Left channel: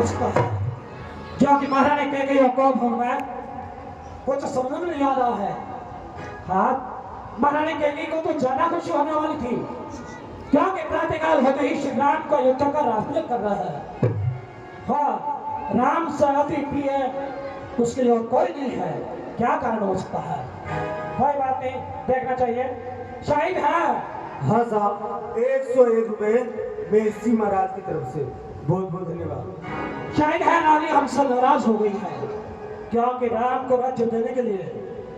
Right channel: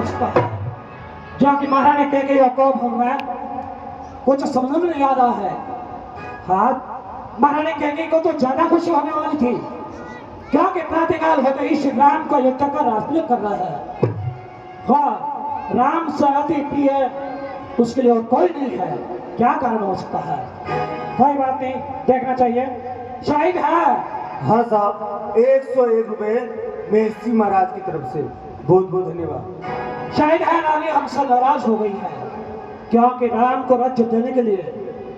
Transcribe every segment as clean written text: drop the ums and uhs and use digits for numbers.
उसका है जो कि महारानी कैकेयी को भूल में कुछ समझ नहीं आ रहा है। हाँ, महारानी कैकेयी को तो ज्यादा खुशी होने वाली थी क्योंकि प्रातःकाल होते ही श्री राम का युद्ध का रास्ता कर रहा है। हाँ, राम से अति प्रिय उसके लिए और कोई नहीं है। क्या कारण हो सकता है? कोई बात नहीं, देखना चाहिए। शाहिद है। हाँ साहब, 101 रुपए मेहसी महाराज की तरफ से, बहुत बहुत धन्यवाद। शायद है रानी हमसे नाराज हो गई है क्योंकि राम को राज्य देने के लिए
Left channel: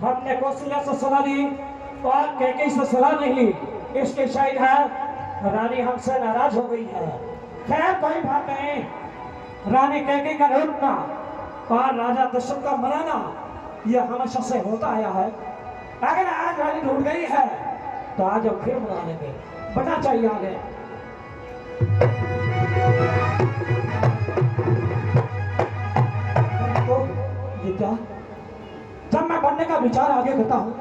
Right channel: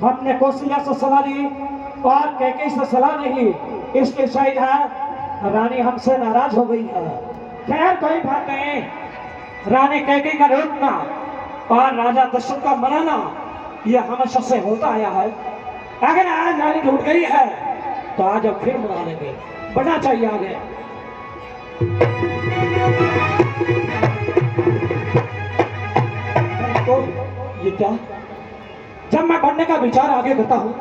हमने कौशल्या से सलाह ली और कैकेयी से सलाह नहीं ली, इसलिए शायद है रानी हमसे नाराज हो गई है। खैर कोई बात नहीं, रानी कैकेयी का रूठना और राजा दशरथ का मनाना यह हमेशा से होता आया है। अगर आज रानी रूठ गई है तो आज अब फिर मना लेंगे, बढ़ना चाहिए आगे। तो ये क्या, जब मैं बढ़ने का विचार आगे करता हूँ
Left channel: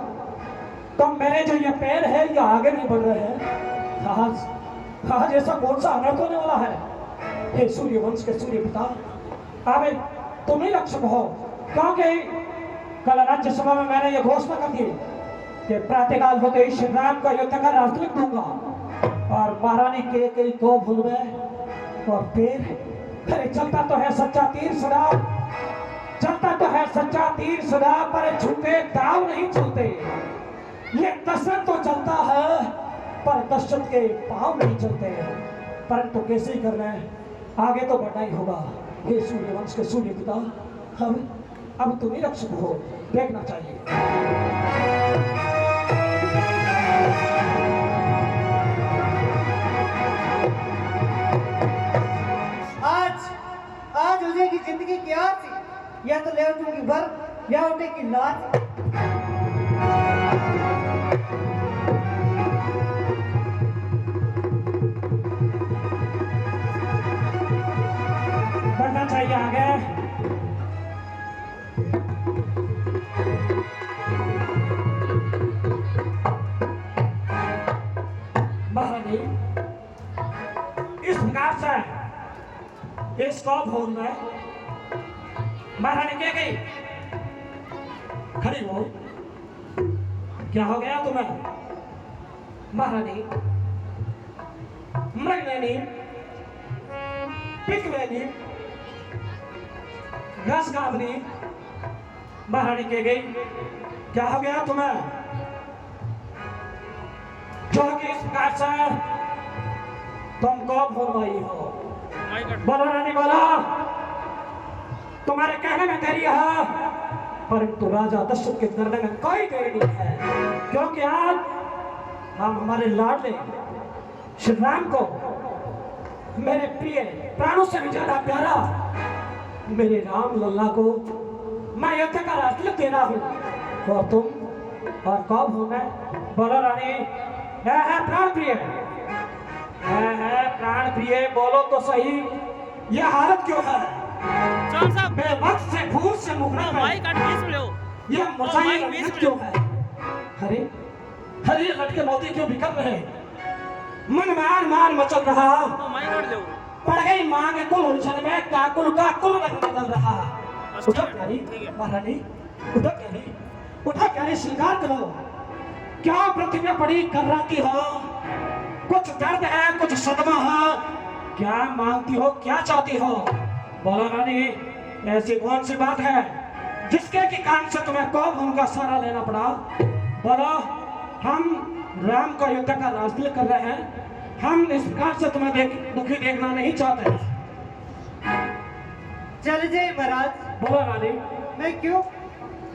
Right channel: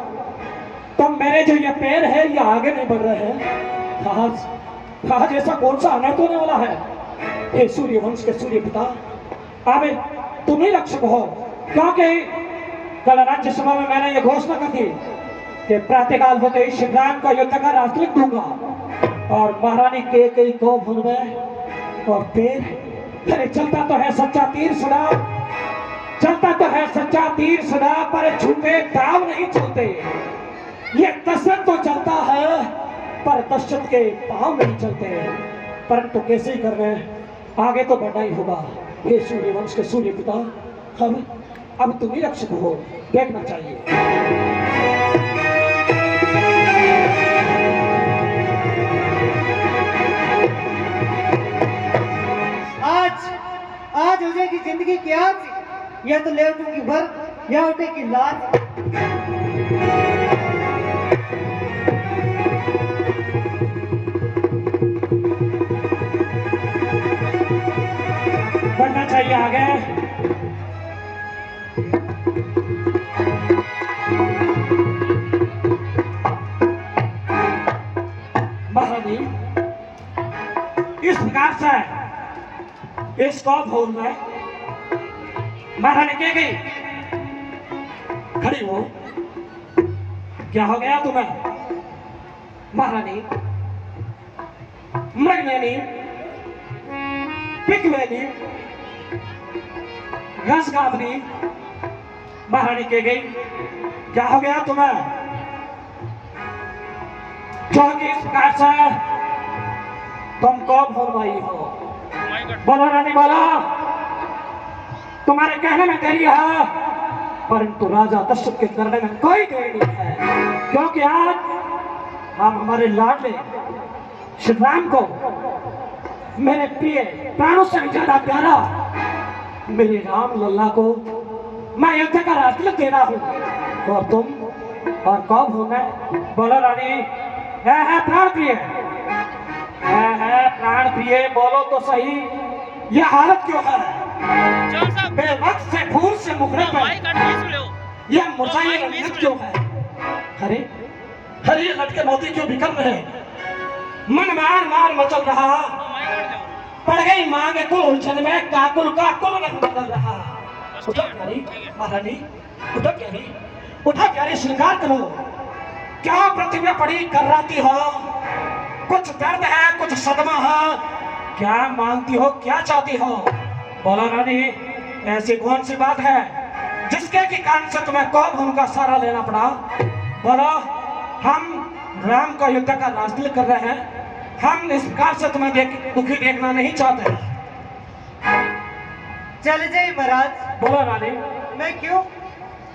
तो मेरे जो ये पैर है ये आगे नहीं बढ़ रहे हैं। आज ऐसा कौन सा अनर्थ होने वाला है? हे सूर्यवंश के सूर्य पिता, आवे तुम ही रक्षक हो, क्योंकि कल राज्यसभा में मैंने ये घोषणा कर दी कि प्रातःकाल होते ही श्री राम का युद्ध का रास्ता लिख दूंगा और महारानी कैकेयी को भूल गए और फिर अरे चलता तो है सच्चा तीर सदा, चलता तो है सच्चा तीर सदा, पर झूठे दाव नहीं चलते। ये दशरथ तो चलता है पर दशरथ के पांव नहीं चलते, परंतु कैसे ही कर रहे हैं, आगे तो बढ़ना ही होगा। हे सूर्यवंश के सूर्य पिता, हम अब तुम ही रक्षक हो, देखना चाहिए। आज उदय की जिंदगी क्या थी? या तो ले उठूंगी भर या उठे की लाज। बढ़ना चाहिए आगे। महारानी इस प्रकार से इसको भूल में महारानी कैकेयी खड़ी हो, क्या हो गया तुम्हें? महारानी मृगनयनी, पिकनयनी, रसगावनी, महारानी कैकेयी क्या हो गया तुम्हें? जो कि इस प्रकार से तुमको भूल गई हो। बोला रानी बोला, तुम्हारे कहने में देरी है परंतु राजा दशरथ के करने में कोई देरी नहीं है, क्योंकि आज हम हमारे लाडले श्री राम को, मेरे प्रिय प्राणों से भी ज्यादा प्यारा मेरे राम लल्ला को मैं युद्ध का रास्ता दे रहा हूँ और तुम और कब हो मैं? बोलो रानी। है प्राण प्रिय, है प्राण प्रिय, बोलो तो सही, यह हालत क्यों है? बेवक्त से फूल से मुखड़ा यह मुझे क्यों है? अरे अरे लटके मोती क्यों बिखर रहे? मन मार मार मचल रहा, पड़ गई माँ के कुल उलझन में, काकुल का कुल रंग बदल रहा। उठो प्यारी महारानी, उठो प्यारी, उठो प्यारी, श्रृंगार करो। क्या पृथ्वी पड़ी कर्राती हो? कुछ दर्द है, कुछ सदमा है, क्या मांगती हो, क्या चाहती हो? बोला रानी, ऐसी कौन सी बात है जिसके के कारण से तुम्हें कौन उनका सहारा लेना पड़ा? बोलो। हम राम का युद्ध का रास्ता कर रहे हैं, हम इस प्रकार से तुम्हें दुखी देखना नहीं चाहते। चले जाए महाराज। बोला रानी। मैं क्यों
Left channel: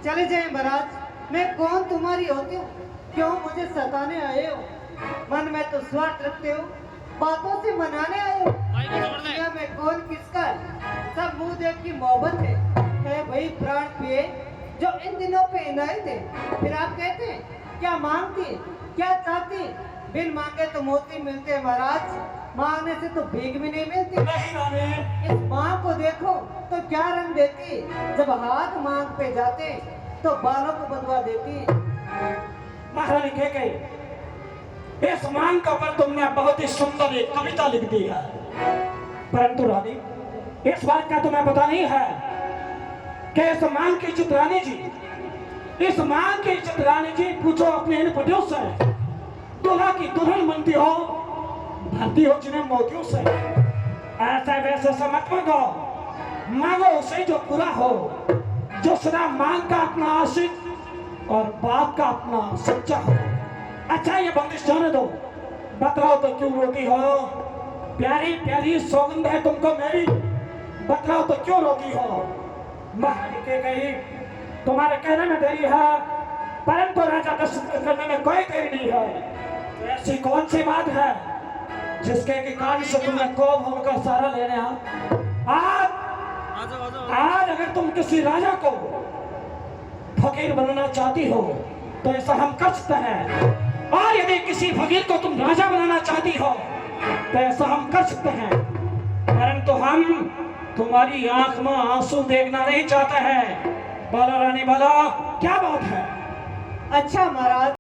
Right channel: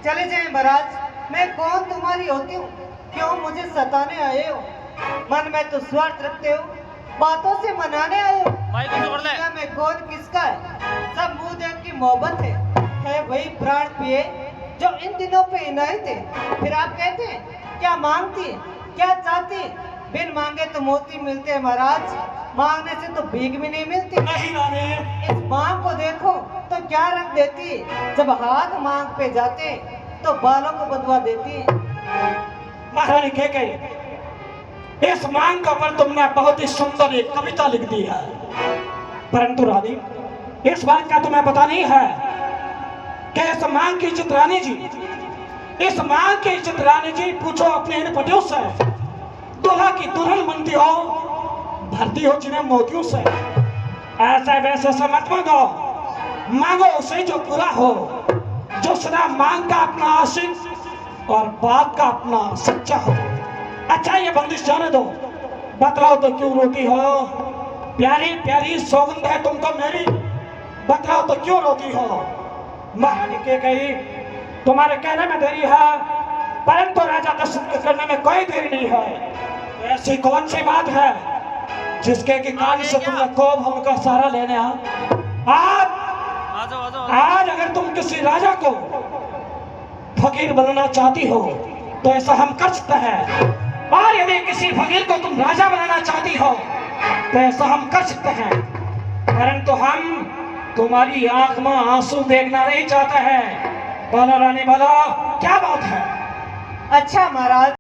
चले जाए महाराज? मैं कौन तुम्हारी होती हूँ? क्यों मुझे सताने आए हो? मन में तो स्वार्थ रखते हो, बातों से मनाने आए हो। दुनिया में कौन किसका है? सब मुंह देख की मोहब्बत है वही प्राण प्रिय जो इन दिनों पे इनायत है। फिर आप कहते हैं क्या मांगती है, क्या चाहती है? बिन मांगे तो मोती मिलते हैं महाराज, मांगने से तो भीख भी नहीं मिलती। इस मांग को देखो तो क्या रंग देती है, जब हाथ मांग पे जाते तो बालों को बदवा देती है। महारानी कैकेयी, इस मांग का पर तुमने बहुत ही सुंदर एक कविता लिख दी है, परंतु रानी इस बात का तुम्हें पता नहीं है कि इस मांग की इज्जत रानी जी, इस मांग की इज्जत रानी जी पूछो अपने इन पटियों से। दूल्हा की दुल्हन बनती हो, भरती हो जिन्हें मोतियों से। ऐसा वैसा से मत मांगो, मांगो उसे जो पूरा हो, जो सदा मांग का अपना आशिक और बात का अपना सच्चा हो। अच्छा ये बंदिश जाने दो, बतलाओ तो क्यों रोती हो? प्यारी प्यारी सौगंध है तुमको मेरी, बतलाओ तो क्यों रोती हो? महारानी के गई तुम्हारे कहने में देरी है, परंतु राजा दशरथ करने में कोई देरी नहीं है। तो ऐसी कौन सी बात है जिसके के कारण से तुम्हें कोप उनका सहारा लेने आज अगर तुम किसी राजा को फकीर बनाना चाहती हो तो ऐसा हम कर सकते हैं, और यदि किसी फकीर को तुम राजा बनाना चाहती हो तो ऐसा हम कर सकते हैं, परंतु हम तुम्हारी आंख में आंसू देखना नहीं चाहते हैं। बोलो रानी बोलो, क्या बात है? अच्छा महाराज।